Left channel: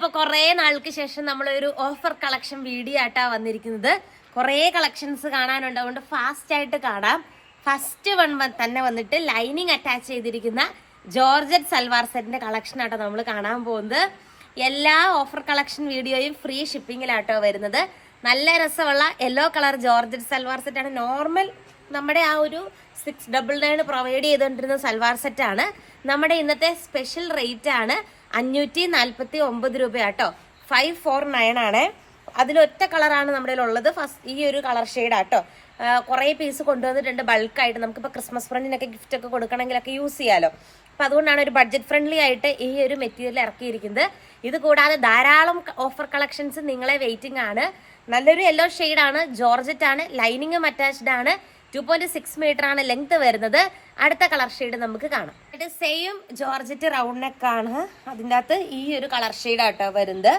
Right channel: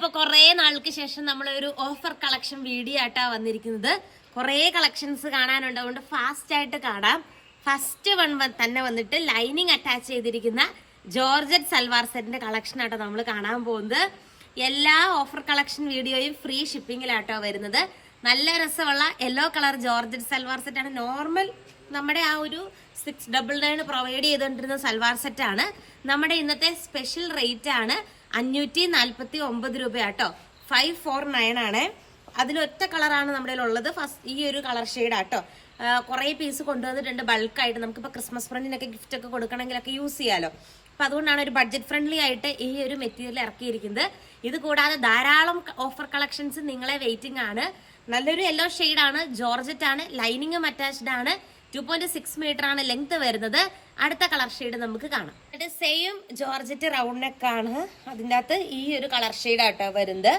അപ്പൊ കുറെ നാൾക്ക് ശേഷം നമ്മളൊരു ഓഫർ കളക്ഷൻ വീഡിയോ ആയിട്ടാ വന്നിരിക്കുന്നത്. കുറെ കളക്ഷൻസ് കാണാനുണ്ട്, അതുകൊണ്ട് ഫാസ്റ്റ് ആയിട്ട് കാണാം. ഫസ്റ്റ് വൺ തന്നെ വന്നിട്ട് ലൈനിങ് അറ്റാച്ച് ചെയ്തിരിക്കുന്ന ജോർജറ്റ് സൽവാർ സെറ്റിന്റെ കളക്ഷൻ ആട്ടോ നമ്മൾ കാണാൻ പോകുന്നത്. എല്ലാ ഓഫർ കളക്ഷൻ വീഡിയോയും ഫ്രീ ഷിപ്പിംഗിലാട്ടോ വരുന്നത്. നല്ല രസമുള്ള യെല്ലോ കളർ ജോർജറ്റ് സൽവാർ സെറ്റാണ്. നോർമൽ നമ്മുടെ ആ ഒരു 699 പ്രൊവൈഡ് ചെയ്തുകൊണ്ടിരുന്ന സൽവാർ സെറ്റാണ്. നമ്മുടെ ഇന്നത്തെ സ്പെഷ്യൽ റേറ്റ് ആണ് 549 രൂപയാട്ടോ. 549 ആണ്. അതിലൊറ്റ കളറാണ് നമ്മുടെ ഉള്ളത്. ഫസ്റ്റ് ഈ ഒരു കളർ ഷെയ്ഡാട്ടോ. കുറെ പീസ് കൊണ്ടുവന്നിട്ടുണ്ട് ബൾക്കായിട്ട്. നമുക്കിപ്പോൾ ക്രിസ്മസ് ഫ്രണ്ടിനൊക്കെ ഗിഫ്റ്റ് ഒക്കെ കൊടുക്കണമെങ്കിലൊക്കെ യൂസ് ചെയ്യാലോ. അപ്പൊ അതുകൊണ്ടാണ് ഒരു ബഡ്ജറ്റ് ഫ്രണ്ട്ലി ആയിട്ട് ഈ ഒരു മെറ്റീരിയൽ ഇറക്കിയിരിക്കുന്നത്. ഇത് കൂടാതെ ധാരാളം ഓഫർ കളക്ഷൻസ് നിങ്ങളെ വെയിറ്റിംഗ് ആണ്. നല്ലൊരു യെല്ലോ ഷെയ്ഡാണ്, ജോർജറ്റ് ആണ്, ലൈനിങ്ങും അറ്റാച്ച്ഡ് ആണ്. 2.6 മീറ്റർ ആണ് ലെങ്ത് വരുന്നത്. അടുത്ത കളർ ഷെയ്ഡ് നമുക്ക് കാണാം. സെയിം ജോർജറ്റ് റൗണ്ട് നെക്ക് ആണ്. അതിൻ്റെ അകത്ത് ഈ ഒരു കളർ ഷെയ്ഡ് ആട്ടോ വരുന്നത്.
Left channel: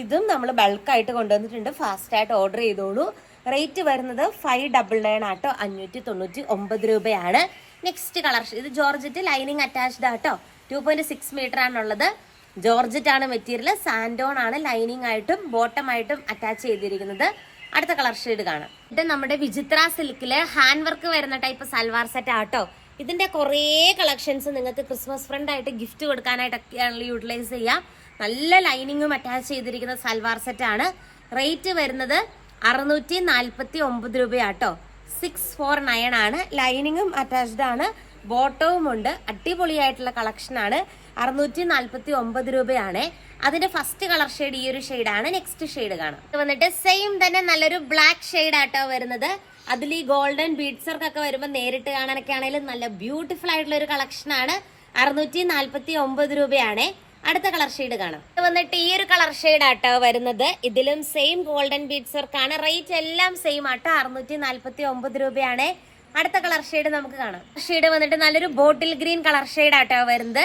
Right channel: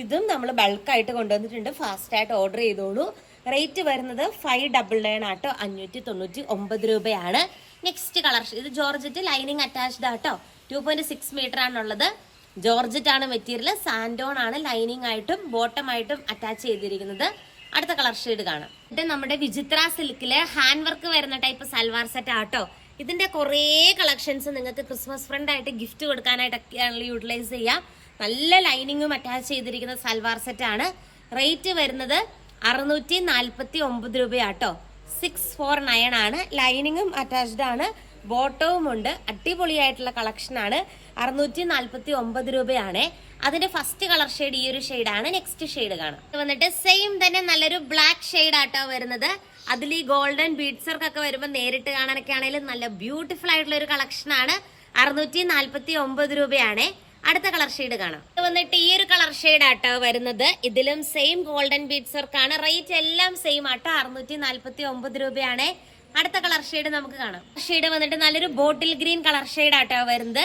ഇതും നമ്മൾ ബൾക്കായിട്ട് കൊണ്ടുവന്നിട്ടുണ്ട്. ഫാസ്റ്റ് ആയിട്ട് ഓർഡർ ചെയ്തോളൂ. റേറ്റ് വരുന്നത് 599 ആട്ടോ. 599 രൂപയാണ്. നെക്സ്റ്റ് കളർ ഇത് ജോർജറ്റ് ലൈനിങ് അറ്റാച്ച്ഡ് ആട്ടോ. 2.6 മീറ്റർ ആണുള്ളത്. ജോർജറ്റ് ആണ് മെറ്റീരിയൽ. സാൻഡോൺ ആണ് ലൈനിങ് ആയിട്ടും ബോട്ടം ആയിട്ടും അറ്റാച്ച് ചെയ്തിരിക്കുന്നത്. അടുത്ത കളർ ഷെയ്ഡ് കാണാം. ഇത് നമ്മുടെ വിചിത്ര സിൽക്കില് ഹാൻഡ് വർക്ക് വരുന്ന ടൈപ്പ് സൽവാർ സെറ്റ് ആട്ടോ. ഇതിന്റെ കുറേ കളക്ഷൻസ് നിങ്ങൾക്ക് ക്രിസ്മസ് ഫ്രണ്ട് ആയിട്ട് ഗിഫ്റ്റ് കൊടുക്കാനായിട്ടൊക്കെയാണല്ലോ യൂട്ടിലൈസ് ചെയ്യാം. നല്ല ലൈനിങ്ങും അറ്റാച്ച് ചെയ്തിരിക്കുന്ന സൽവാർ സെറ്റ് ആണ്. റേറ്റ് വരുന്നത് 649 രൂപയാട്ടോ. 649 ആണ്. ലൈനിങ്ങും അറ്റാച്ച്ഡ് ആണ്, ബോട്ടവും ഉണ്ട്. അടിപൊളിയായിട്ടുള്ള കളക്ഷൻ ആണ്. 649 രൂപയാണ്. അതിന്റെ ഫസ്റ്റ് കളർ ഷെയ്ഡ് ഈ ഒരു ഷെയ്ഡാണ്. നെക്സ്റ്റ് ഷെയ്ഡ് കാണാം. ഇത് വന്നിട്ട് സെയിം തന്നെ നല്ലൊരു ബ്ലാക്ക് ഷെയ്ഡ് ആട്ടോ വരുന്നത്. അതിൽ ഈ ഗോൾഡൻ ബീഡ്സ് വർക്കൊക്കെ വരുമ്പോൾ നേരിട്ട് കാണാനൊക്കെ ആണെങ്കിലും നല്ല ബ്യൂട്ടിഫുൾ ആയിട്ടുള്ള ഒരു കളക്ഷൻ ആണ്. 649 രൂപയാണ്. അടുത്ത കളർ ഷെയ്ഡ് കാണാം. ഇത് വന്നിട്ട് ഈ ഒരു കളർ ഷെയ്ഡ് ആട്ടോ വരുന്നത്. ഇതിലും സെയിം ഗോൾഡൻ ബീഡ്സ് വർക്കാണ്. റേറ്റ് എല്ലാം സെയിം ആട്ടോ. 649 രൂപയാണ്. അടുത്ത കളർ ഷെയ്ഡ് നമുക്ക് കാണാം. ഷെയ്ഡ് വന്നിട്ട് നല്ലൊരു ബോട്ടിൽ ഗ്രീൻ കളർ ഷെയ്ഡ് ആട്ടോ വരുന്നത്.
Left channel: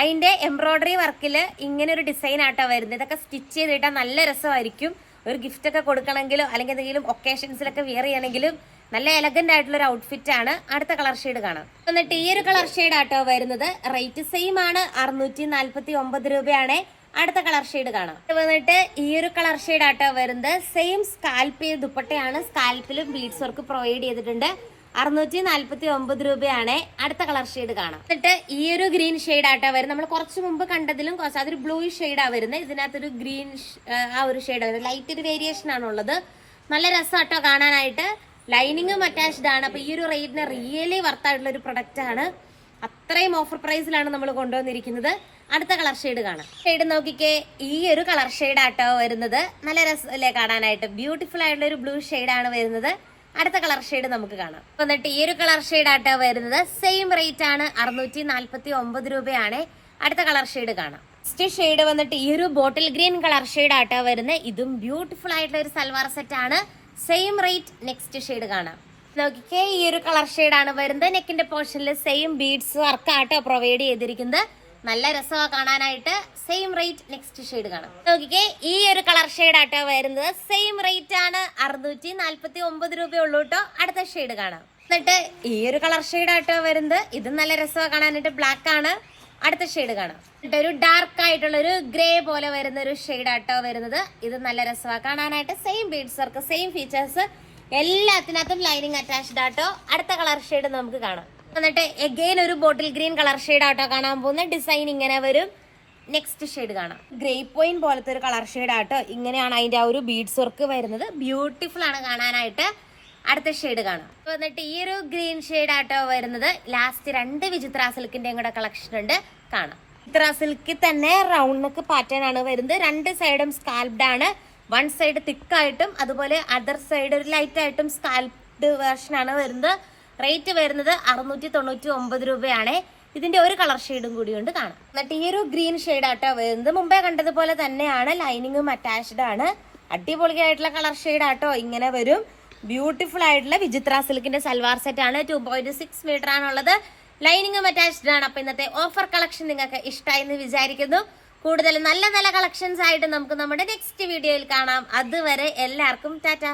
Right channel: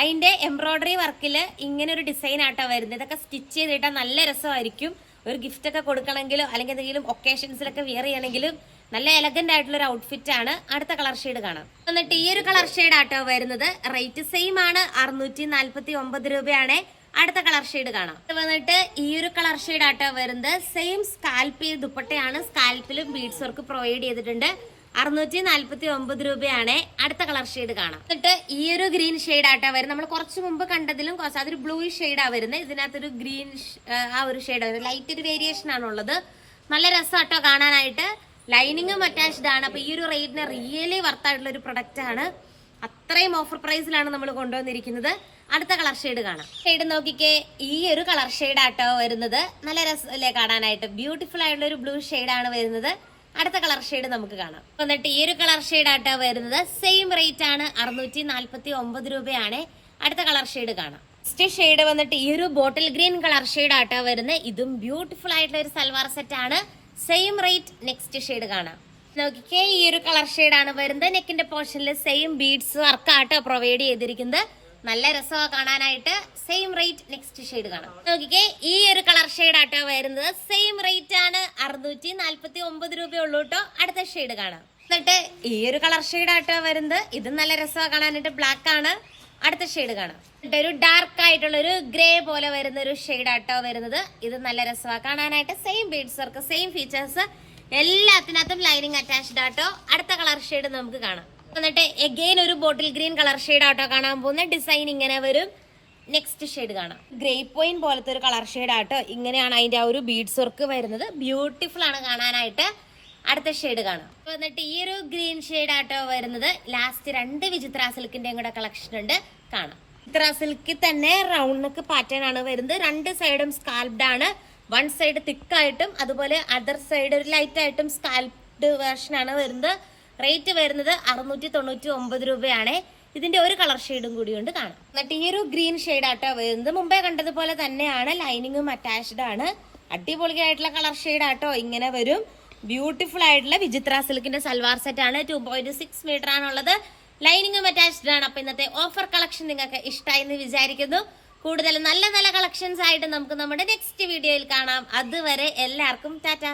അതിന്റെ എംബ്രോയിഡറി വർക്കിൽ ഇങ്ങനെ ഒരു ഡിസൈൻ ആട്ടോ വരുന്നത്. ഇതൊക്കെ സ്റ്റിച്ച് ചെയ്തിട്ടാൽ നല്ല രസമായിരിക്കും. ഒരു ഗിഫ്റ്റ് ഒക്കെ കൊടുക്കണമെങ്കിലോ അല്ലെങ്കിൽ എന്തെങ്കിലും ഒക്കേഷൻസിലൊക്കെ വിയർ ചെയ്യണമെങ്കിലും നല്ല എലഗന്റ് ആയിട്ടുള്ള ഒരു ഔട്ട്ഫിറ്റ് ആണ്. അടുത്ത കളർ ഷെയ്ഡ് കാണാം. എന്നിട്ട് ഈ ഒരു കളർ ഷെയ്ഡ് ആട്ടോ വരുന്നത്. റേറ്റ് സെയിം ആണ്. 649 രൂപയാണ്. അടുത്ത കളർ ഷെയ്ഡ് കാണാം. വന്നിട്ട് ഈ ഒരു കളർ ഷെയ്ഡ് ആട്ടോ വരുന്നത്. സെയിം സ്കാൽപ്പ് ദുപ്പട്ടയാണ്. സ്കാൽപ്പിലും ബീഡ്സ് വർക്ക് പ്രൊവൈഡ് ചെയ്തിട്ടുണ്ട്. 649 രൂപയാണ്. അടുത്ത കളർ ഷെയ്ഡ് കാണാം. എന്നിട്ട് ഈ ഒരു ഗ്രീൻ ഷെയ്ഡ് ആട്ടോ വരുന്നത്. നമ്മൾ കുറച്ച് മുമ്പ് കണ്ടതിലും കുറച്ച് അതൊരു ബ്ലൂ ഷെയ്ഡാ വരുന്നത്. ഇതിനകത്തൊരു ഗ്രീൻ ആ ഒരു ഷെയ്ഡ് വരുന്നത്. ലൈറ്റ് ഒരു വേരിയേഷൻ ആണുള്ളത്. നല്ല രസമാട്ടോ കാണാനായിട്ട്. ലൈനിങ്ങും അറ്റാച്ച്ഡ് ആണ്. അപ്പൊ ഈ ഒരു റേറ്റിന് റിയലി വർത്തായിട്ടുള്ള ഒരു പ്രൊഡക്റ്റ് ആണ്. അത്രയും ഓഫർ പ്രൈസിലാണ് നമ്മൾ കൊണ്ടുവന്നിരിക്കുന്നത്. അടുത്ത കളർ ഷെയ്ഡ് കാണാം. ഷെയ്ഡ് നോക്കിക്കേ, ഈ ഒരു കളർ ഷെയ്ഡ് ആട്ടോ വരുന്നത്. നല്ല രസമല്ലേ കാണാനായിട്ട്. ബ്യൂട്ടിഫുൾ ആയിട്ടുള്ള ഒരു ബ്ലൂ ഷെയ്ഡാണ് വരുന്നത്. അടുത്ത കളർ ഷെയ്ഡ് നമുക്ക് കാണാം. എന്നിട്ട് ഈ ഒരു കളർ ഷെയ്ഡ് ആട്ടോ വരുന്നത്. സെയിം റേറ്റ് ആണ്. 649 രൂപയാണ്. അടുത്ത കളർ ഷെയ്ഡ് കാണാം. നെക്സ്റ്റ് ഷെയ്ഡ് വന്നിട്ട് ഈ ഒരു ബോട്ടിൽ ഗ്രീൻ കളർ ഷെയ്ഡ് ആട്ടോ വരുന്നത്. ഇതും ബ്യൂട്ടിഫുൾ ആയിട്ടുള്ള ഒരു സൽവാർ സെറ്റ് ആണ്. Same rate. നെക്സ്റ്റ് ഷെയ്ഡ് കാണാം. നോക്കിക്കേ, ഈ ഒരു കളർ ഷെയ്ഡ് ആണ് വരുന്നത്. നെക്കിന്റെ പോർഷനിൽ സെയിം ബീഡ്സ് വർക്ക് ആട്ടോ പ്രൊവൈഡ് ചെയ്തിരിക്കുന്നത്. നല്ല രസമാണ് കാണാനായിട്ട്. Same rate. നെക്സ്റ്റ് ഷെയ്ഡ് കാണാം. നോക്കിക്കേ, ഈ ഒരു കളർ ഷെയ്ഡ് ആട്ടോ വരുന്നത്. സെയിം റേറ്റ് ആണ്. 649 രൂപയുള്ളൂ കേട്ടോ. അടുത്ത ഷെയ്ഡ് കാണാം. എന്നിട്ട് ഈ ഒരു കളർ ഷെയ്ഡ് ആട്ടോ വരുന്നത്. ഇത് നല്ല രസമാണ് കാണാനായിട്ട്. ബ്ലാക്ക് ആണ്. അടുത്ത ഷെയ്ഡ് കാണാം. എന്നിട്ട് ഒരു ഡാർക്ക് ആയിട്ടുള്ള ഒരു ഗ്രേ പോലെ വരുന്ന ഒരു ഷെയ്ഡ് ആട്ടോ വരുന്നത്. ഇത് നല്ല രസമാണ് കാണാനായിട്ട്. Same beads work, same features, എല്ലാത്തിനകത്തും ലൈനിങ് അറ്റാച്ച്ഡ് ആട്ടോ. അടുത്ത കളർ ഷെയ്ഡ് നമുക്ക് കാണാം. എന്നിട്ട് എഗെയിൻ ഒരു ബോട്ടിൽ ഗ്രീൻ കളർ ഷെയ്ഡ് ആട്ടോ കാണാൻ പോകുന്ന. ഡിസൈൻ ഇങ്ങനെ വരും. നെക്സ്റ്റ് ഷെയ്ഡ് കാണാം. ഗ്രേ പോയിന്റ് പോലത്തെ ഒരു കളർ ഷെയ്ഡ് ആട്ടോ. ഇങ്ങനെയാണ് അതിന്റെ ആ ഒരു ബീഡ്സ് വർക്ക് വരുന്നത്. ബ്യൂട്ടിഫുൾ ആണ് കാണാനായിട്ട്. അടുത്ത ഷെയ്ഡ് കാണാം. എന്നിട്ട് ഈ ഒരു ഗ്രീൻ ഷെയ്ഡ് ആട്ടോ വരുന്നത്. ലാസ്റ്റ് 2 വിചിത്ര സിൽക്കിന്റെയും കൂടെ കളക്ഷൻ ഉണ്ട്, കാണാം. വിചിത്ര സിൽക്കിൽ തന്നെ റൗണ്ട് നെക്ക് പാറ്റേൺ ആണ് വരുന്നത്. 2 സൈഡും സ്കാൽപ്ഡ് ആണ്. 1 സൈഡ് തിക്കായിട്ടും അതുപോലെ അതർ സൈഡ് ഒരു ലൈറ്റ് ആയിട്ടും സ്കാൽപ്ഡ് വേർഷൻ ആണ് വരുന്നത്. റേറ്റ് വരുന്നത് 699 രൂപയാണ്. ഇതിന്റെ ഒരു കളർ ഷെയ്ഡും കൂടി ഉണ്ട്, കാണാം. എന്നിട്ട് ഈ ഒരു ഗ്രീൻ ഷെയ്ഡ് ആട്ടോ വരുന്നത്. മുമ്പേ കണ്ടതുപോലെ തന്നെയാണ്. ലൈനിങ്ങും അറ്റാച്ച്ഡ് ആണ്. അടിപൊളിയായിട്ടുള്ള കളർ ഷെയ്ഡ് ആട്ടോ. ഇങ്ങനെ വരും. ബ്യൂട്ടിഫുൾ ആയിട്ടുള്ള വിചിത്ര സിൽക്കിന്റെ സൽവാർ സെറ്റ് ആണ്. 2.6 മീറ്റർ ആണുള്ളത്. ലൈനിങ്ങും അറ്റാച്ച്ഡ് ആണ്. അപ്പൊ ഇന്നത്തെ ഓഫർ കളക്ഷൻ നിങ്ങൾക്ക് ഇഷ്ടമായി എന്ന് വിചാരിക്കുന്നു. കൂടുതൽ നല്ല നല്ല കളക്ഷൻസ് ആയിട്ട് നമുക്ക് നമ്മുടെ നെക്സ്റ്റ് വീഡിയോയിൽ കാണാം. അതുവരെ എല്ലാവർക്കും ടാറ്റ.